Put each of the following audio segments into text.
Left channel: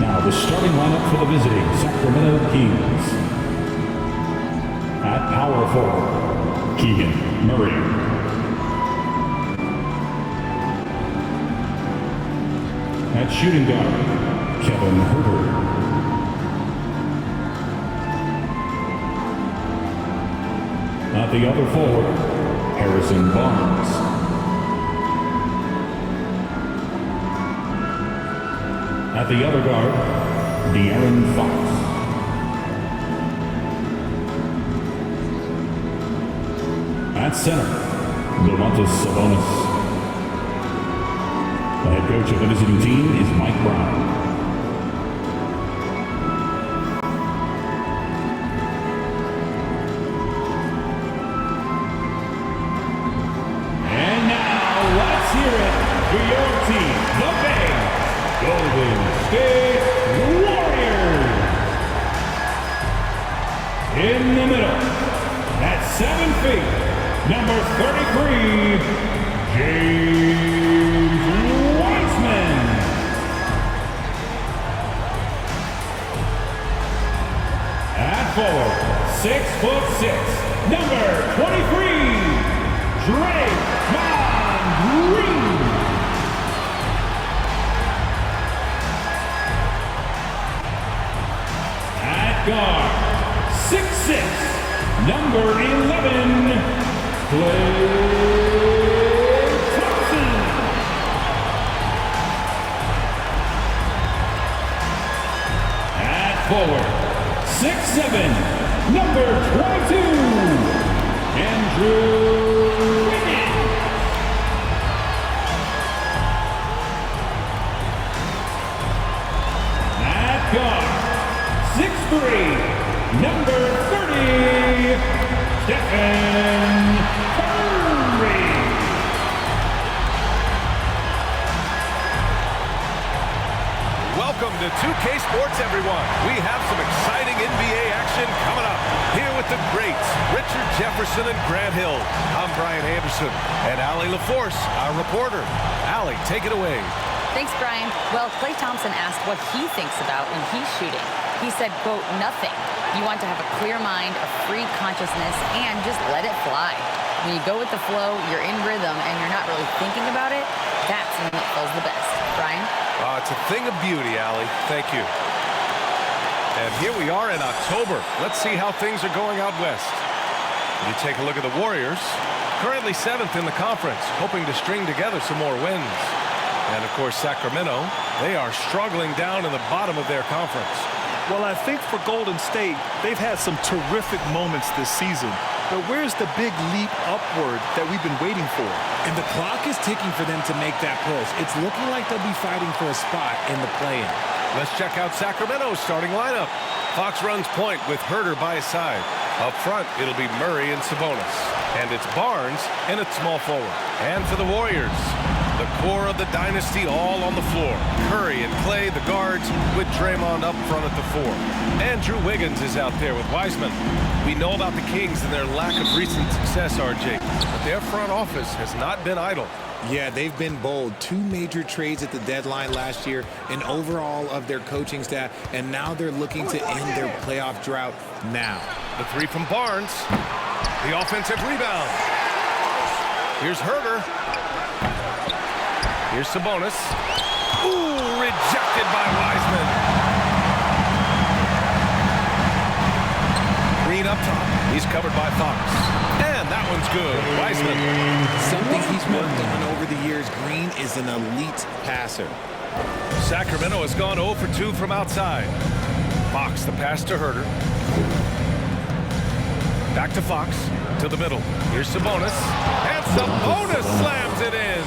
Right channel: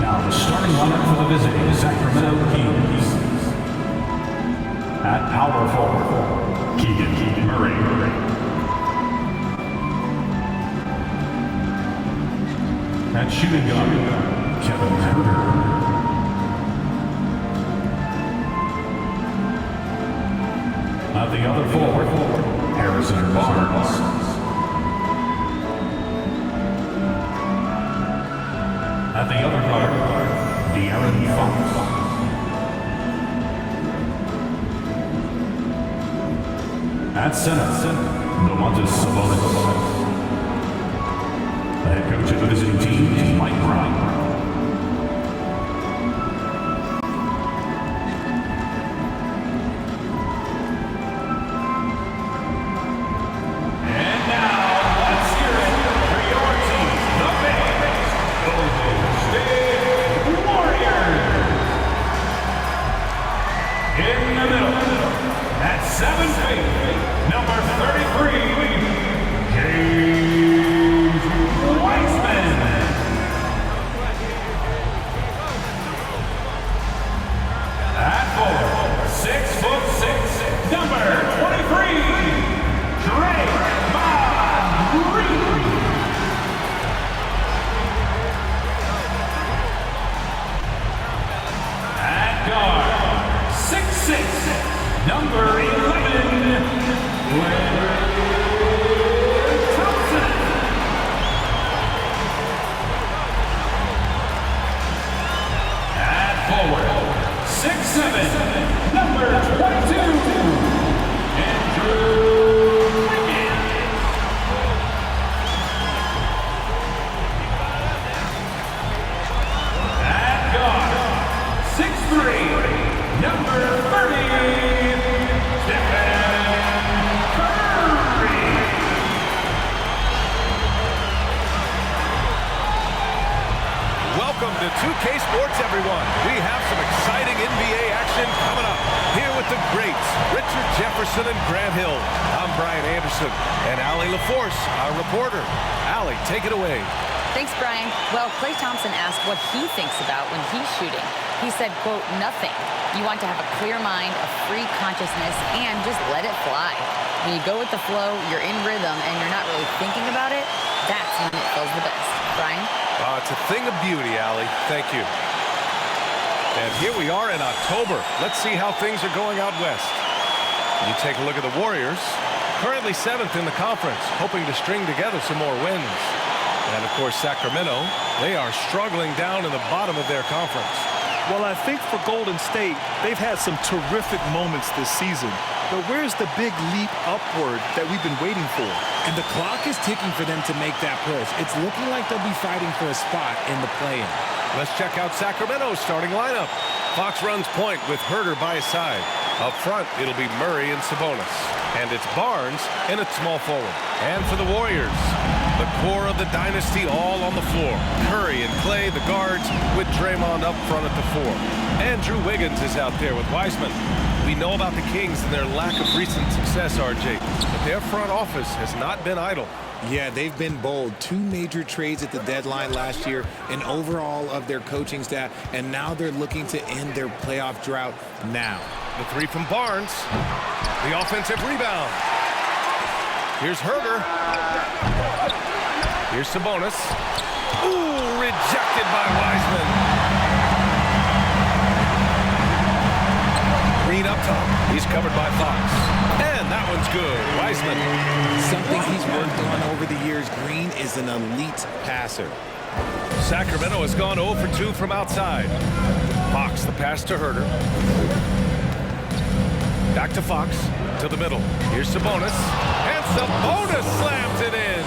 Now the starting lineup for the visiting Sacramento Kings. At power forward, Keegan Murray. At shooting guard, Kevin Huerter. At the other forward, Harrison Barnes. At the other guard, De'Aaron Fox. At center, Domantas Sabonis. The head coach of the visiting team is Mike Brown. And now, let's hear it for your team, the Bay Golden State Warriors. In the middle, at 7 feet, number 33, James Wiseman. At forward, 6'6", number 23, Draymond Green. At guard, 6'6", number 11, Klay Thompson. At forward, 6'7", number 22, Andrew Wiggins. At guard, 6'3", number 30, Stephen Curry. Welcome to 2K Sports, everyone. We have some exciting NBA action coming up. Here with the greats, Richard Jefferson and Grant Hill. I'm Brian Anderson, and Allie LaForce, our reporter. Allie, take it away. Thanks, Brian. Well, Klay Thompson asked what he thinks about when he's shooting. He said, quote, nothing. You want to have a clear mind, a free consciousness, and just let it fly. When you go with the flow, you're in rhythm, and you're not really thinking about it, that's when it feels the best. Brian? It's a thing of beauty, Allie. Thank you. And here we are in October. Let's see how things are going out west. You take a look at the Warriors, currently 7th in the conference, hoping to string together some more wins. And, of course, Sacramento, they are struggling down in the bottom of their conference. Well, I think for Golden State, they've had some terrific moments this season. But where's the big leap upward that we've been waiting for? And the clock is ticking for them to make that push. It's looking like they'll be fighting for a spot in the play-in. Let's check out Sacramento's starting lineup. Fox runs point with Huerter by his side. Up front, it'll be Murray and Sabonis. And it's Barnes in at small forward. And for the Warriors, the core of the dynasty all on the floor. Curry and Klay, the guards, with Draymond up front at the 4. Andrew Wiggins is out there with Wiseman. We know about the Kings and their lack of recent success, RJ, but their front office has not been idle. Yeah, they've been bold. 2 major trades at the deadline last year, an overhaul of their coaching staff, and now they're looking to end their playoff drought now. The 3 from Barnes. The offensive rebound. Here's Huerter. Here's Sabonis. Ooh, rejected by Wiseman. Green up top. He's covered by Fox. And that one's good. Wiseman. Something he's worked on over the years. Green is an elite passer. Sacramento has gone 0 for 2 from outside. Fox, the pass to Huerter. Back to Fox, to the middle. Here's Sabonis. And Sabonis slams it in.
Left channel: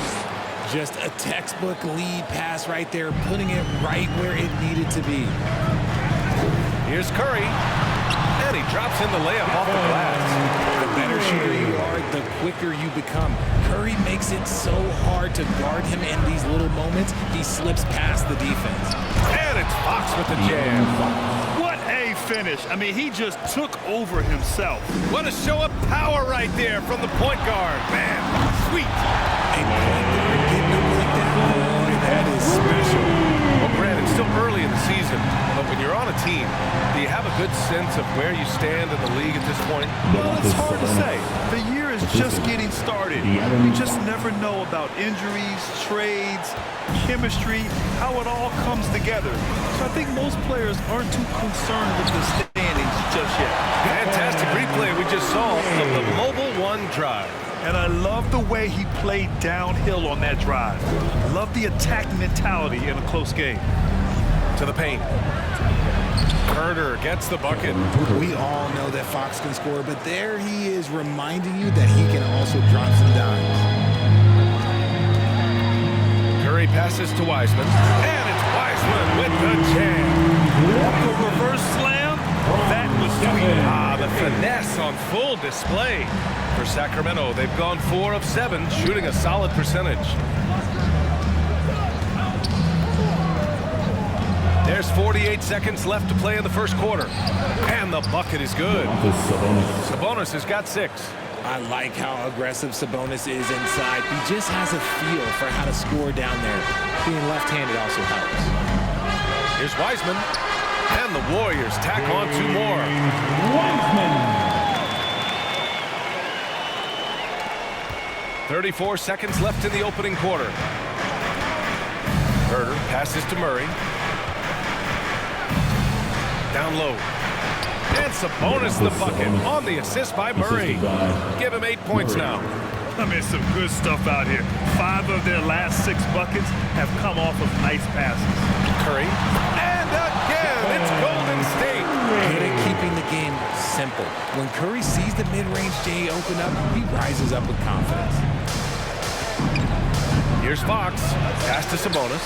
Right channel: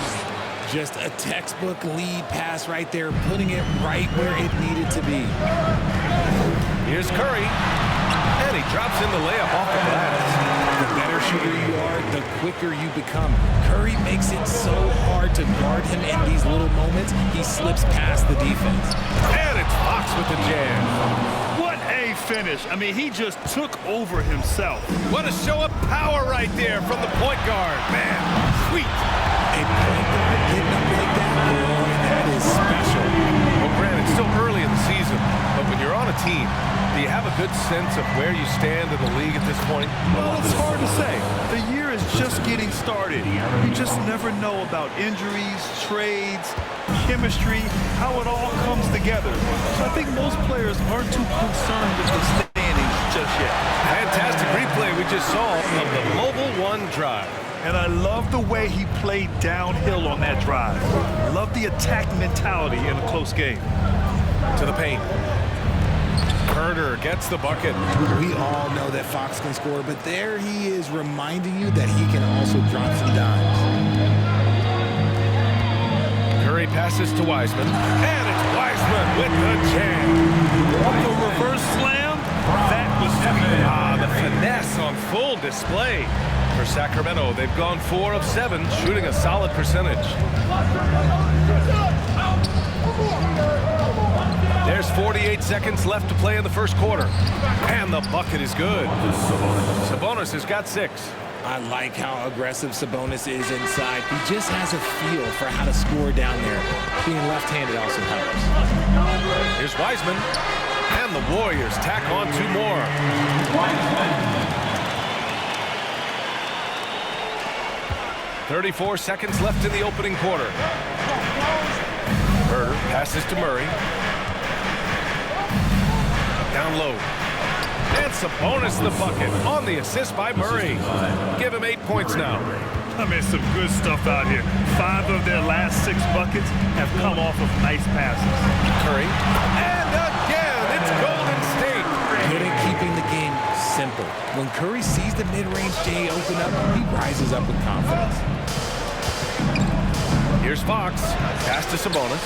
Just a textbook lead pass right there, putting it right where it needed to be. Here's Curry. And he drops in the layup off the glass. The better shooter you are, the quicker you become. Curry makes it so hard to guard him in these little moments. He slips past the defense. And it's Fox with the jam. What a finish. I mean, he just took over himself. What a show of power right there from the point guard. Man, sweet. A point guard getting up like that, boy, that is special. Well, granted, still early in the season, but when you're on a team, do you have a good sense of where you stand in the league at this point? Well, it's hard to say. The year is just getting started. You just never know about injuries, trades, chemistry, how it all comes together. So I think most players aren't too concerned with the standings just yet. Fantastic replay we just saw of the Mobile One drive. And I love the way he played downhill on that drive. Love the attack mentality in a close game. To the paint. Herder gets the bucket. We all know that Fox can score, but there he is reminding you that he can also drop some dimes. Curry passes to Wiseman, and it's Wiseman with the jam. The reverse slam, that was sweet. The finesse on full display. For Sacramento, they've gone 4 of 7, shooting a solid percentage. There's 48 seconds left to play in the first quarter. And the bucket is good. Sabonis has got 6. I like how aggressive Sabonis is inside. He just has a feel for how to score down there. Being left-handed also helps. Here's Wiseman. And the Warriors tack on 2 more. Wiseman. 34 seconds left in the opening quarter. Herder passes to Murray. Down low. And Sabonis the bucket on the assist by Murray. Give him 8 points now. I mean, some good stuff out here. 5 of their last 6 buckets have come off of nice passes. Curry. And again, it's Golden State. Good at keeping the game simple. When Curry sees the mid-range J open up, he rises up with confidence. Here's Fox. Pass to Sabonis.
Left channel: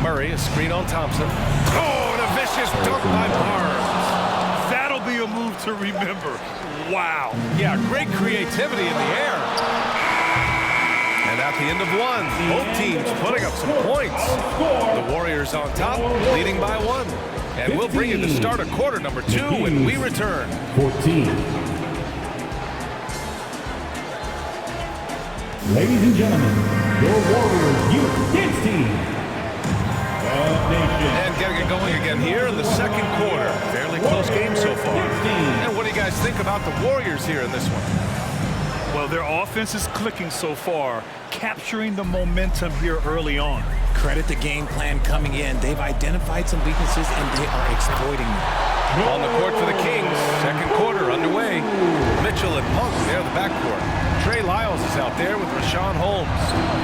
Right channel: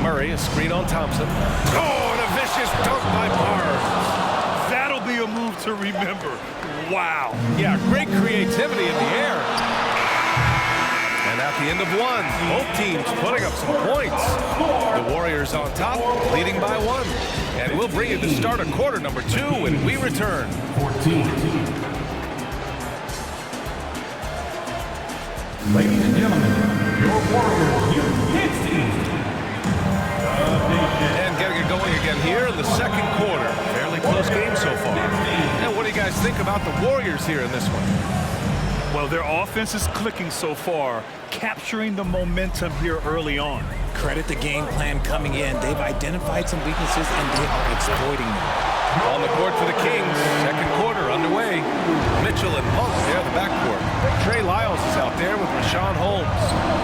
Murray, a screen on Thompson. Oh, and a vicious dunk by Barnes. That'll be a move to remember. Wow. Yeah, great creativity in the air. And at the end of 1, both teams putting up some points. The Warriors on top, leading by 1. And we'll bring you the start of quarter number 2 when we return. 14. Ladies and gentlemen, your Warriors Youth Kids team. And getting it going again here in the second quarter. Fairly close game so far. And what do you guys think about the Warriors here in this one? Well, their offense is clicking so far, capturing the momentum here early on. Credit the game plan coming in. They've identified some weaknesses, and they are exploiting them. On the court for the Kings, second quarter underway. Mitchell and Monk, they're the backcourt. Trey Lyles is out there with Rashawn Holmes.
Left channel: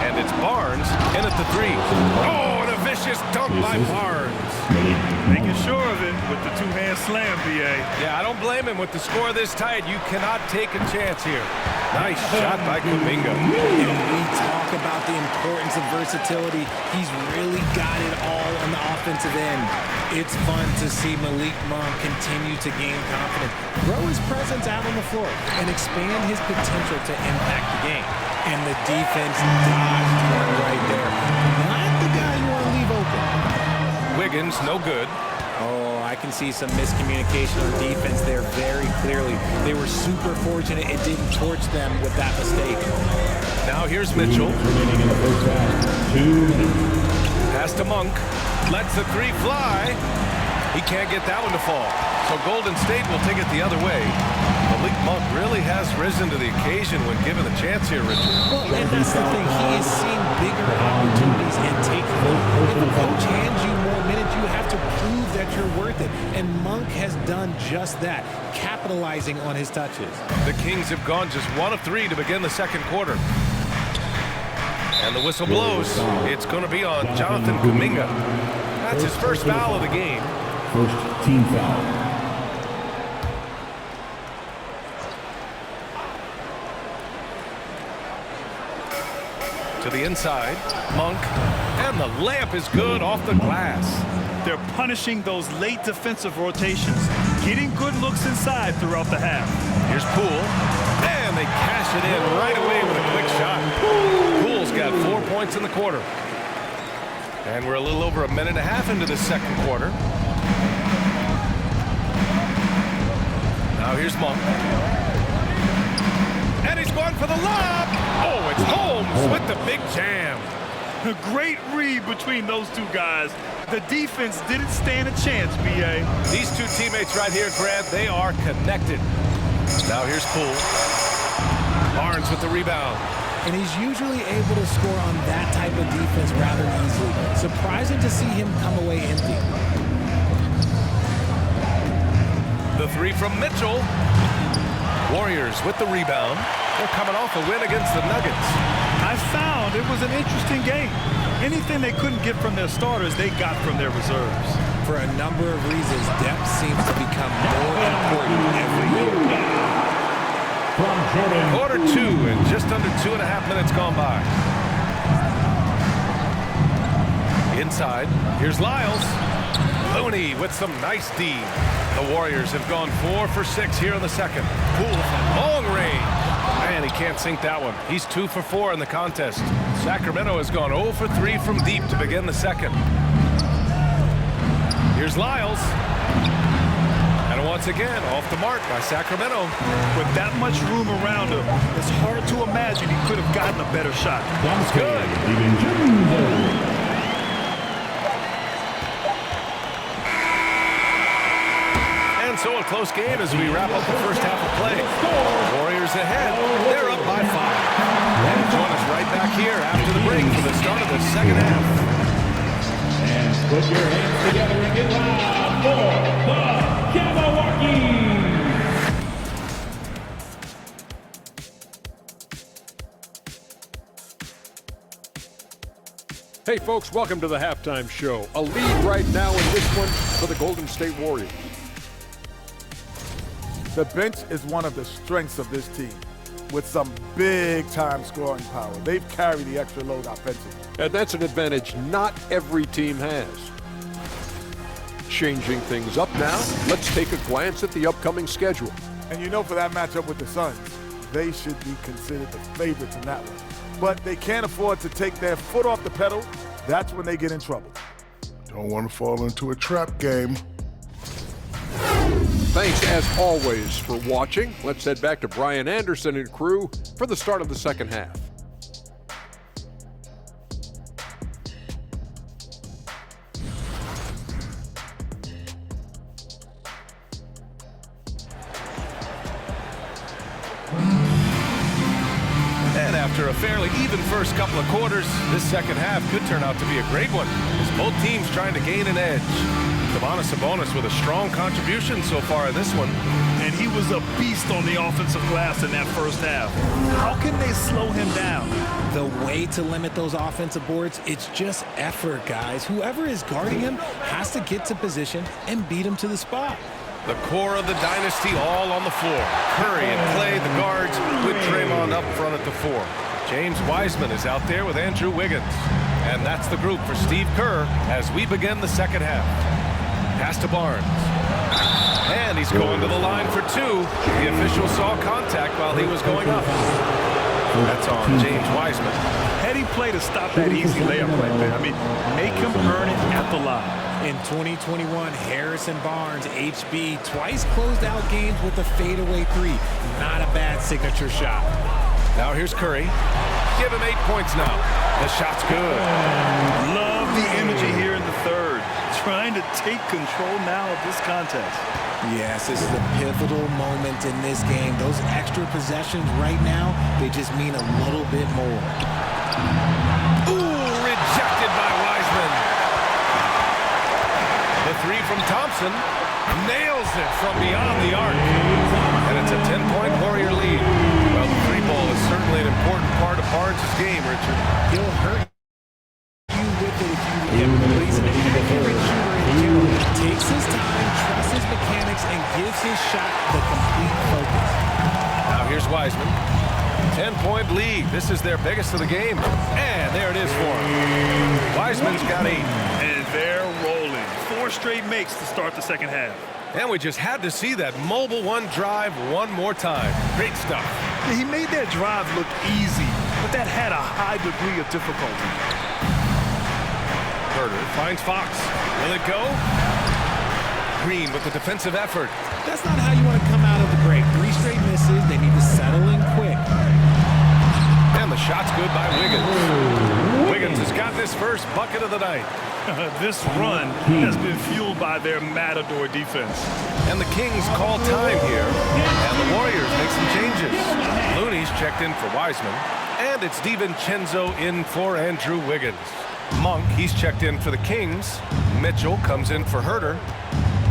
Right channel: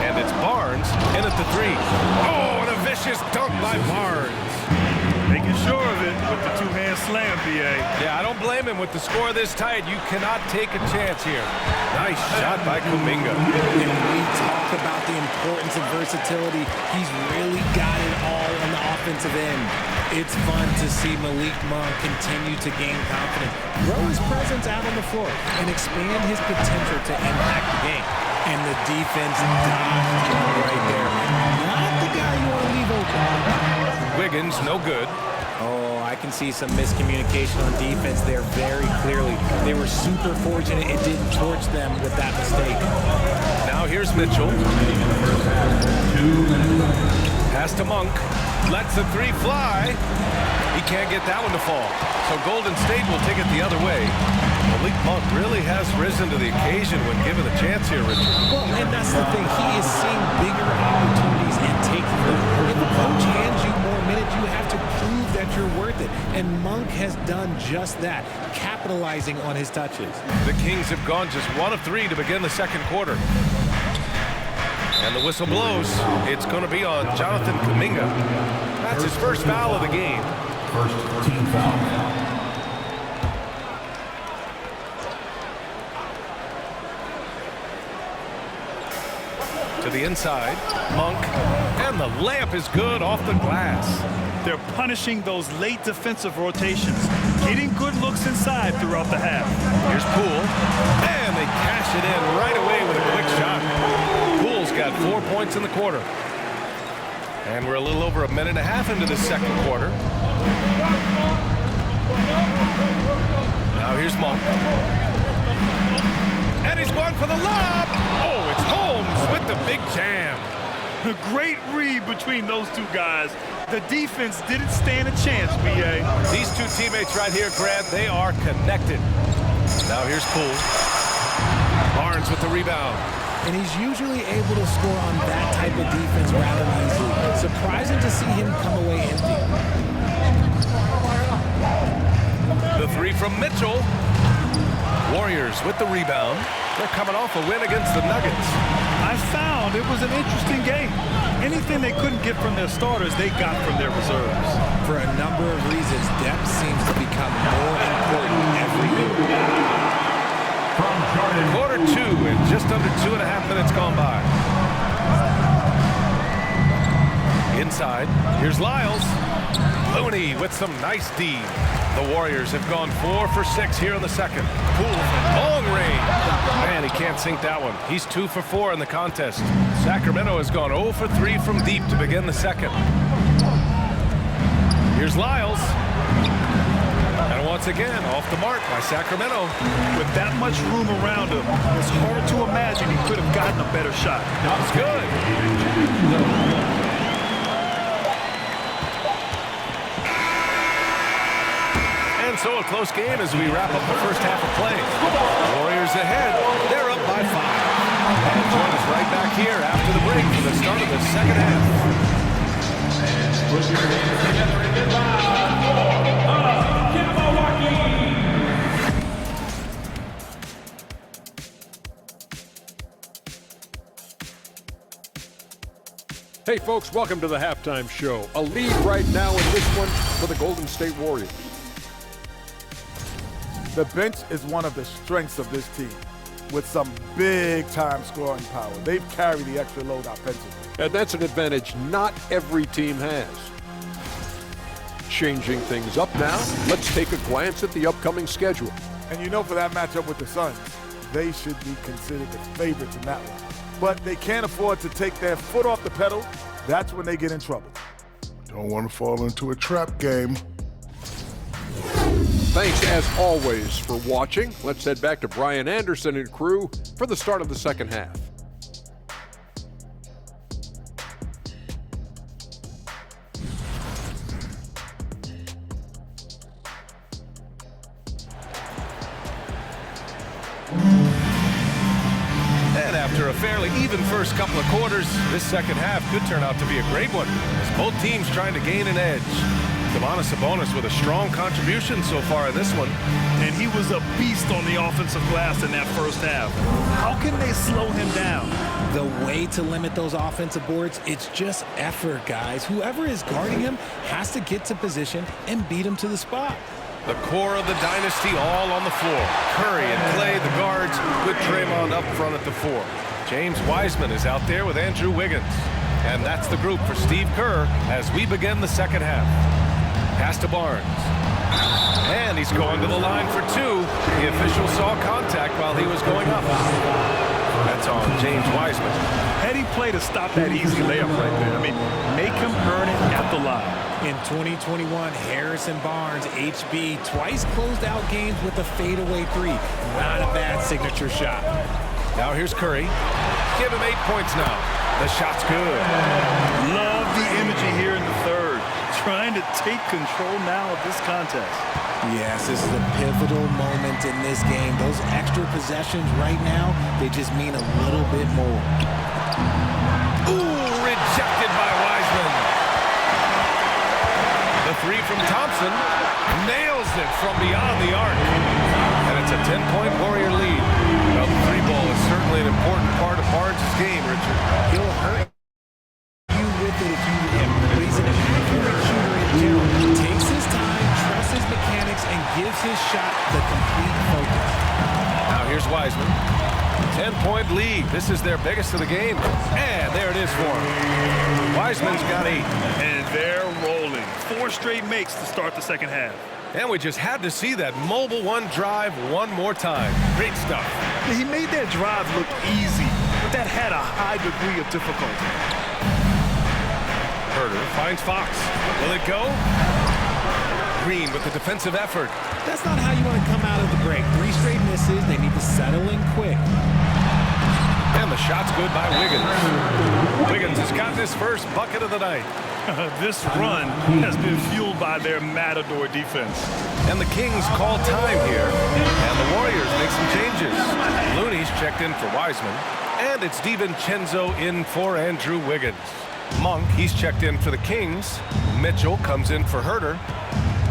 And it's Barnes in at the 3. Oh, and a vicious dunk by Barnes. Making sure of it with the 2-hand slam, B.A. Yeah, I don't blame him with the score this tight. You cannot take a chance here. Nice shot by Kuminga. And we talk about the importance of versatility. He's really got it all on the offensive end. It's fun to see Malik Monk continue to gain confidence, grow his presence out on the floor, and expand his potential to impact the game. And the defense dodged one right there. Not the guy you want to leave open. Wiggins, no good. Oh, I can see some miscommunication on defense there very clearly. They were super fortunate it didn't torch them with that mistake. Now here's Mitchell. 2 minutes. Pass to Monk. Lets the 3 fly. He can't get that one to fall. So Golden State will take it the other way. Malik Monk really has risen to the occasion when given the chance here, Richard. Well, and that's the thing. He is seeing bigger opportunities and taking them. If a coach hands you more minutes, you have to prove that you're worth it. And Monk has done just that, capitalizing on his touches. The Kings have gone just 1 of 3 to begin the second quarter. And the whistle blows. It's going to be on Jonathan Kuminga. That's his first foul of the game. First team foul. To the inside, Monk, and the layup is good off the glass. They're punishing those late defensive rotations, getting good looks inside throughout the half. Here's Poole, and they cash it in right away with a quick shot. Poole's got 4 points in the quarter. And we're a little over a minute and a half into the second quarter. Now here's Monk. And he's going for the lob. Oh, it's Holmes with the big jam. A great read between those two guys. The defense didn't stand a chance, B.A. These two teammates right here, Grant, they are connected. Now here's Poole. Barnes with the rebound. And he's usually able to score on that type of defense rather easily. Surprising to see him come away empty. The three from Mitchell. Warriors with the rebound. They're coming off a win against the Nuggets. I found it was an interesting game. Anything they couldn't get from their starters, they got from their reserves. For a number of reasons, depth seems to become more important every year. From Jordan. Quarter two and just under 2.5 minutes gone by. Inside, here's Lyles. Looney with some nice D. The Warriors have gone 4 for 6 here in the second. Poole from long range. Man, he can't sink that one. He's 2 for 4 in the contest. Sacramento has gone 0 for 3 from deep to begin the second. Here's Lyles. And once again, off the mark by Sacramento. With that much room around him, it's hard to imagine he could have gotten a better shot. That's good. And so a close game as we wrap up the first half of play. Warriors ahead. They're up by 5. And join us right back here after the break for the start of the second half. And put your hands together and get loud for the Milwaukee. Hey folks, welcome to the halftime show. A lead right now in this one for the Golden State Warriors. The bench is one of the strengths of this team with some big-time scoring power. They've carried the extra load offensively. And that's an advantage not every team has. Changing things up now, let's take a glance at the upcoming schedule. And you know, for that matchup with the Suns, they should be considered the favorites in that one. But they can't afford to take their foot off the pedal. That's when they get in trouble. Don't want to fall into a trap game. Thanks, as always, for watching. Let's head back to Brian Anderson and crew for the start of the second half. And after a fairly even first couple of quarters, this second half could turn out to be a great one as both teams trying to gain an edge. Domantas Sabonis with a strong contribution so far in this one. And he was a beast on the offensive glass in that first half. How can they slow him down? The way to limit those offensive boards, it's just effort, guys. Whoever is guarding him has to get to position and beat him to the spot. The core of the dynasty all on the floor. Curry and Clay, the guards, with Draymond up front at the 4. James Wiseman is out there with Andrew Wiggins. And that's the group for Steve Kerr as we begin the second half. Pass to Barnes. And he's going to the line for 2. The official saw contact while he was going up. That's on James Wiseman. Heady play to stop that easy layup right there. I mean, make him earn it at the line. In 2021, Harrison Barnes, HB, twice closed out games with a fadeaway 3. Not a bad signature shot. Now here's Curry. Give him 8 points now. The shot's good. Love the energy here in the third. Trying to take control now of this contest. Yes, this is a pivotal moment in this game. Those extra possessions right now, they just mean a little bit more. Ooh, rejected by Wiseman. The 3 from Thompson nails it from beyond the arc. And it's a 10-point Warrior lead. Well, the 3 ball is certainly an important part of Barnes' game, Richard. He'll hurt you with it if you him, but he's an accurate shooter in general. Takes his time, trusts his mechanics, and gives his shot the complete focus. Now here's Wiseman. 10-point lead. This is their biggest of the game. And there it is for him. Wiseman's got 8. And they're rolling. 4 straight makes to start the second half. And we just had to see that mobile 1 drive one more time. Great stuff. He made that drive look easy, but that had a high degree of difficulty. Herter finds Fox. Will it go? Green with the defensive effort. That's not how you want to come out of the break. 3 straight misses. They need to settle in quick. And the shot's good by Wiggins. Wiggins has gotten his first bucket of the night. This run has been fueled by their Matador defense. And the Kings call time here. And the Warriors make some changes. Looney's checked in for Wiseman. And it's DiVincenzo in for Andrew Wiggins. Monk, he's checked in for the Kings. Mitchell comes in for Herter.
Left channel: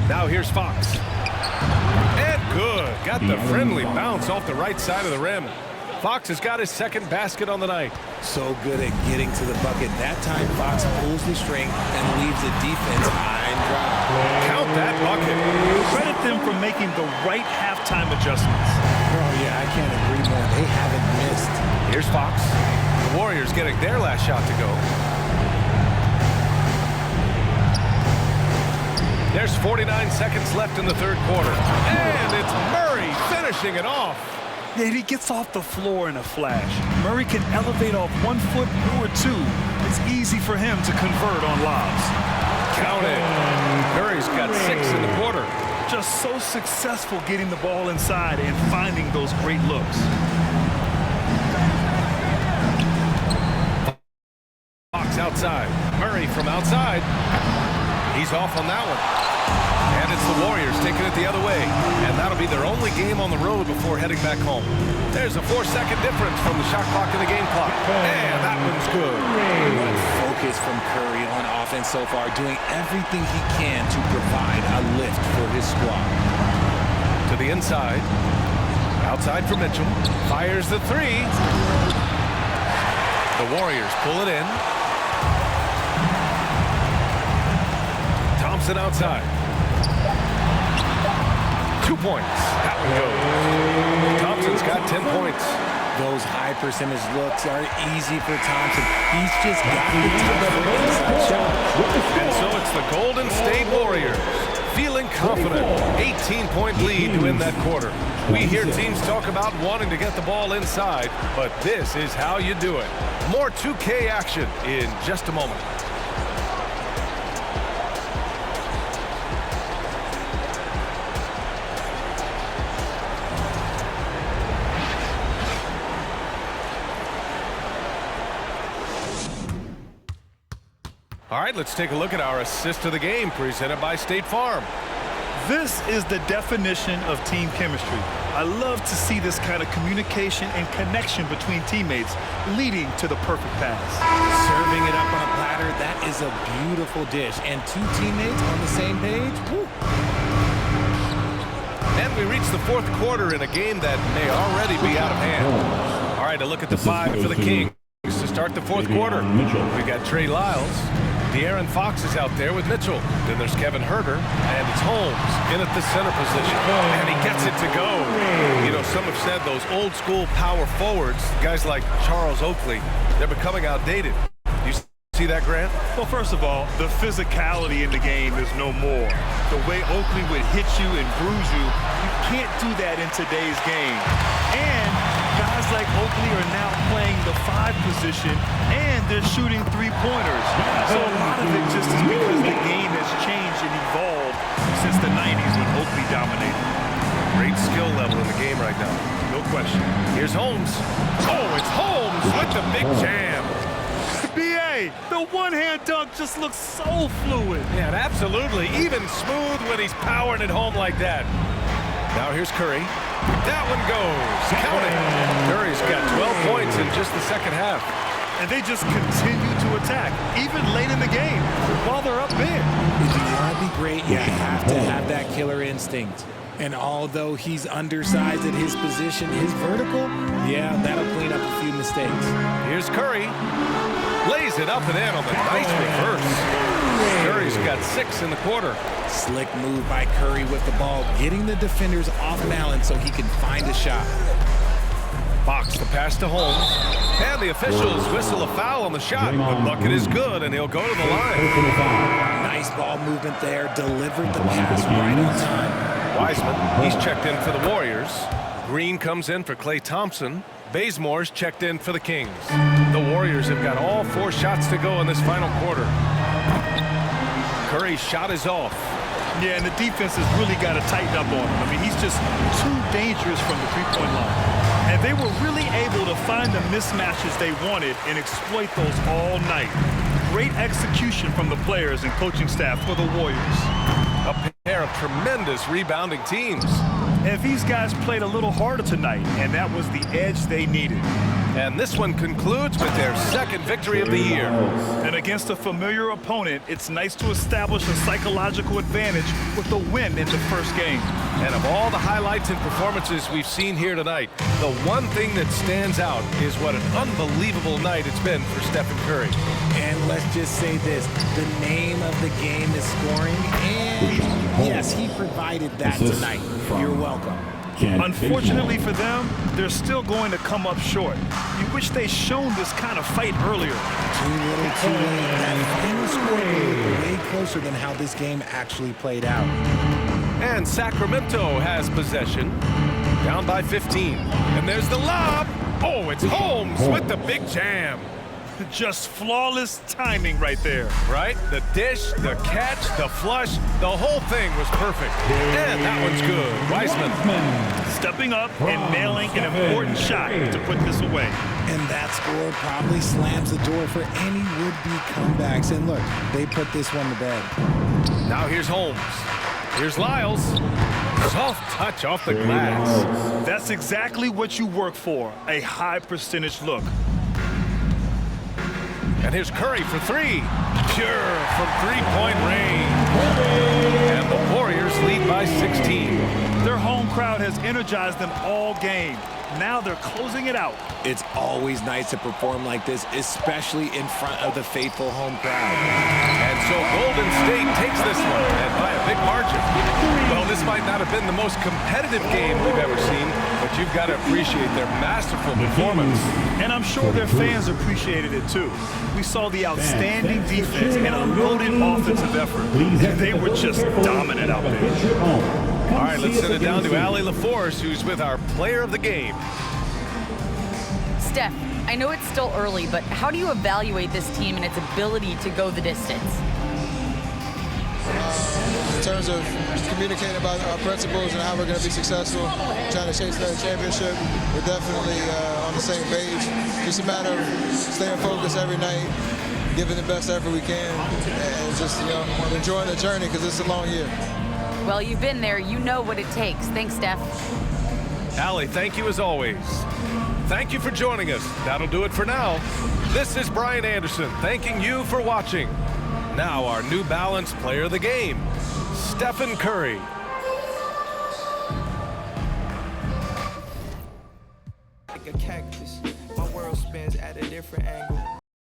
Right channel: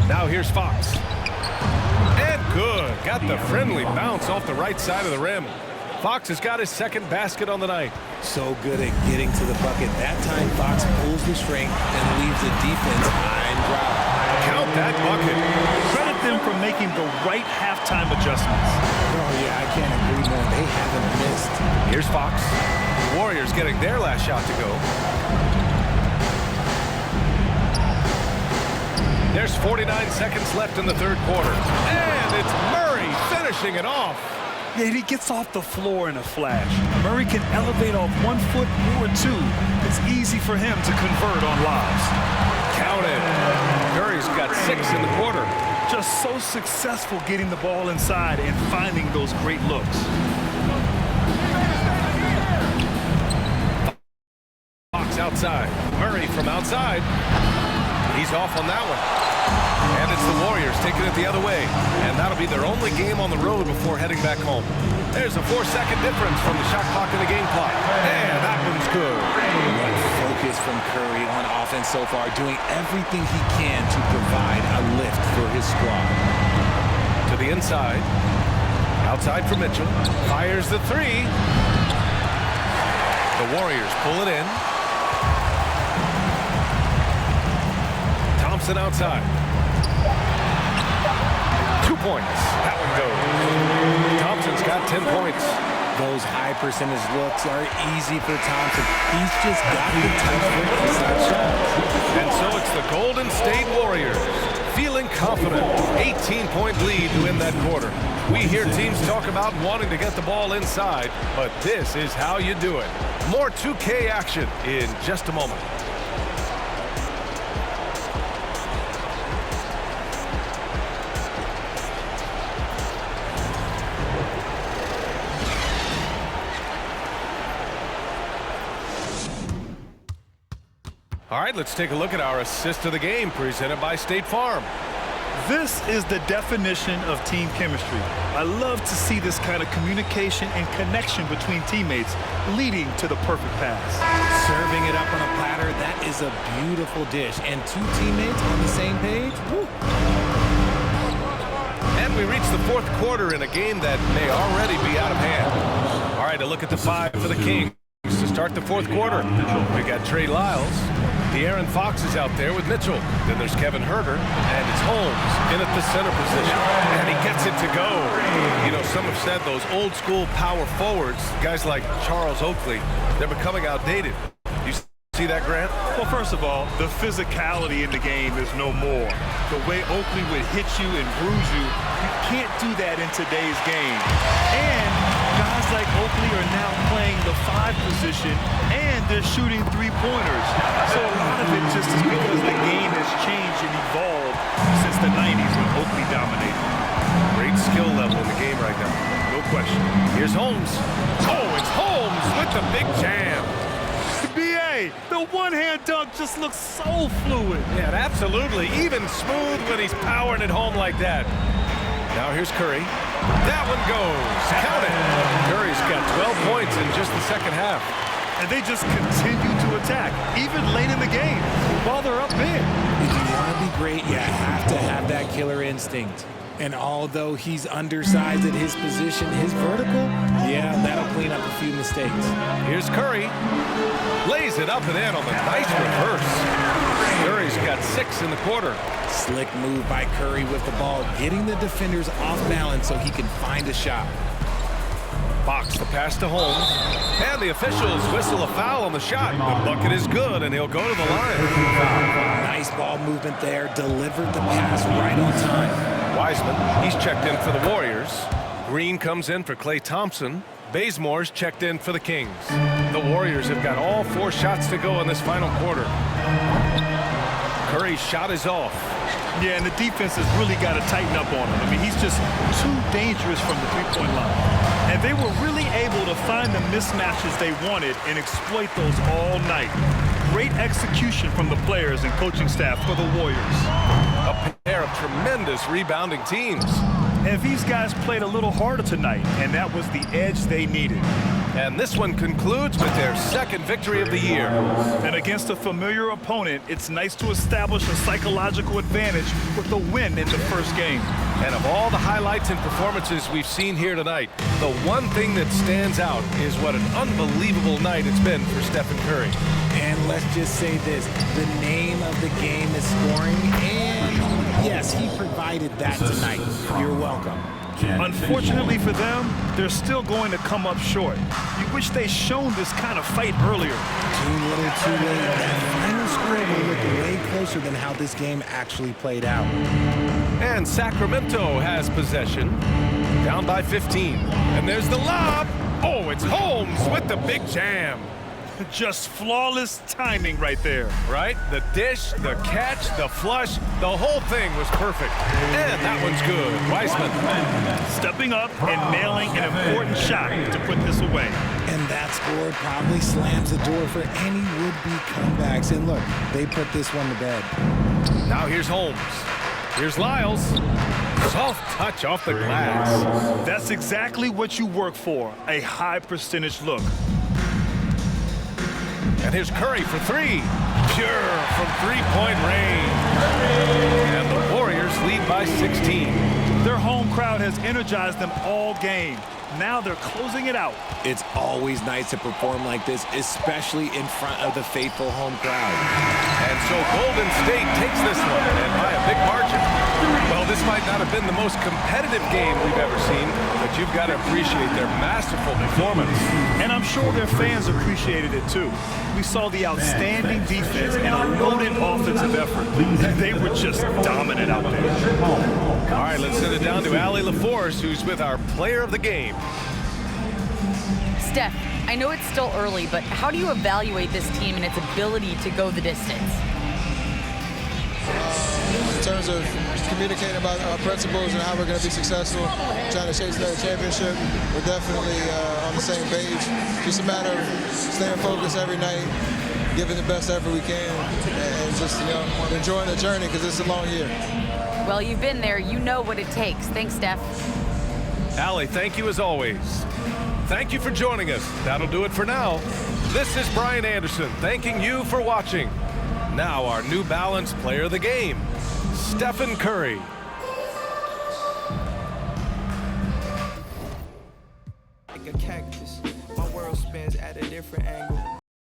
Now here's Fox. And good. Got the friendly bounce off the right side of the rim. Fox has got his second basket on the night. So good at getting to the bucket. That time, Fox pulls the string and leaves the defense high and dry. Count that bucket. Credit them for making the right halftime adjustments. Oh, yeah, I can't agree more. They haven't missed. Here's Fox. The Warriors getting their last shot to go. There's 49 seconds left in the third quarter. And it's Murray finishing it off. Yeah, he gets off the floor in a flash. Murray can elevate off 1 foot or 2. It's easy for him to convert on lobs. Count it. Curry's got 6 in the quarter. Just so successful getting the ball inside and finding those great looks. Fox outside. Murray from outside. He's off on that one. And it's the Warriors taking it the other way. And that'll be their only game on the road before heading back home. There's a 4-second difference from the shot clock and the game clock. And that one's good. What focus from Curry on offense so far, doing everything he can to provide a lift for his squad. To the inside. Outside for Mitchell. Fires the 3. The Warriors pull it in. Thompson outside. 2 points. That one goes. Thompson's got 10 points. Those high percentage looks are easy for Thompson. He's just got the touch for inside shots. And so it's the Golden State Warriors feeling confident. 18-point lead to win that quarter. We hear teams talk about wanting to get the ball inside, but this is how you do it. More 2K action in just a moment. All right, let's take a look at our assist of the game presented by State Farm. This is the definition of team chemistry. I love to see this kind of communication and connection between teammates leading to the perfect pass. Serving it up on a platter, that is a beautiful dish. And 2 teammates on the same page, woo. And we reach the fourth quarter in a game that may already be out of hand. All right, a look at the 5 for the Kings to start the fourth quarter. We got Trey Lyles. De'Aaron Fox is out there with Mitchell. Then there's Kevin Herter, and it's Holmes in at the center position. And he gets it to go. You know, some have said those old school power forwards, guys like Charles Oakley, they're becoming outdated. You see that, Grant? Well, first of all, the physicality in the game is no more. The way Oakley would hit you and bruise you, you can't do that in today's game. And guys like Oakley are now playing the 5 position, and they're shooting 3-pointers. So a lot of it just is because the game has changed and evolved since the 90s when Oakley dominated. Great skill level in the game right now. No question. Here's Holmes. Oh, it's Holmes with the big jam. B.A., the one-hand dunk just looks so fluid. Yeah, absolutely. Even smooth when he's powering it home like that. Now here's Curry. That one goes. Count it. Curry's got 12 points in just the second half. And they just continue to attack, even late in the game, while they're up big. If you want to be great, you have to have that killer instinct. And although he's undersized at his position, his vertical, yeah, that'll clean up a few mistakes. Here's Curry. Lays it up and in on the nice reverse. Curry's got 6 in the quarter. Slick move by Curry with the ball, getting the defenders off balance so he can find a shot. Fox the pass to Holmes. And the officials whistle a foul on the shot. The bucket is good, and he'll go to the line. Nice ball movement there. Delivered the pass right on time. Wiseman, he's checked in for the Warriors. Green comes in for Klay Thompson. Bazemore's checked in for the Kings. The Warriors have got all 4 shots to go in this final quarter. Curry's shot is off. Yeah, and the defense has really got to tighten up on him. I mean, he's just too dangerous from the 3-point line. And they were really able to find the mismatches they wanted and exploit those all night. Great execution from the players and coaching staff for the Warriors. A pair of tremendous rebounding teams. And these guys played a little harder tonight, and that was the edge they needed. And this one concludes with their second victory of the year. And against a familiar opponent, it's nice to establish a psychological advantage with a win in the first game. And of all the highlights and performances we've seen here tonight, the one thing that stands out is what an unbelievable night it's been for Stephen Curry. And let's just say this, the name of the game is scoring, and yes, he provided that tonight. You're welcome. Unfortunately for them, they're still going to come up short. You wish they'd shown this kind of fight earlier. Too little, too late. That final score will look way closer than how this game actually played out. And Sacramento has possession, down by 15. And there's the lob. Oh, it's Holmes with the big jam. Just flawless timing right there. Right? The dish, the catch, the flush, the whole thing was perfect. And that one's good. Weissman. Stepping up and nailing an important shot to put this away. And that score probably slams the door for any would-be comebacks. And look, they put this one to bed. Now here's Holmes. Here's Lyles. Soft touch off the glass. That's exactly what you work for, a high percentage look. And here's Curry for three. Pure from three-point range. And the Warriors lead by 16. Their home crowd has energized them all game. Now they're closing it out. It's always nice to perform like this, especially in front of the faithful home crowd. And so Golden State takes this one, and by a big margin. Well, this might not have been the most competitive game we've ever seen, but you've got to appreciate their masterful performance. And I'm sure their fans appreciated it too. We saw the outstanding defense and a loaded offensive effort. They were just dominant out there. All right, let's send it down to Allie LaForce, who's with our player of the game. Steph, I know it's still early, but how do you evaluate this team and its ability to go the distance? In terms of communicating about our principles and how we're going to be successful, trying to chase another championship, we're definitely on the same page. Just a matter of staying focused every night, giving the best effort we can, and just enjoying the journey because it's a long year. Well, you've been there. You know what it takes. Thanks, Steph. Allie, thank you as always. Thank you for joining us. That'll do it for now. This is Brian Anderson thanking you for watching. Now our New Balance player of the game, Stephen Curry. Like a cactus, my world spins at a different angle.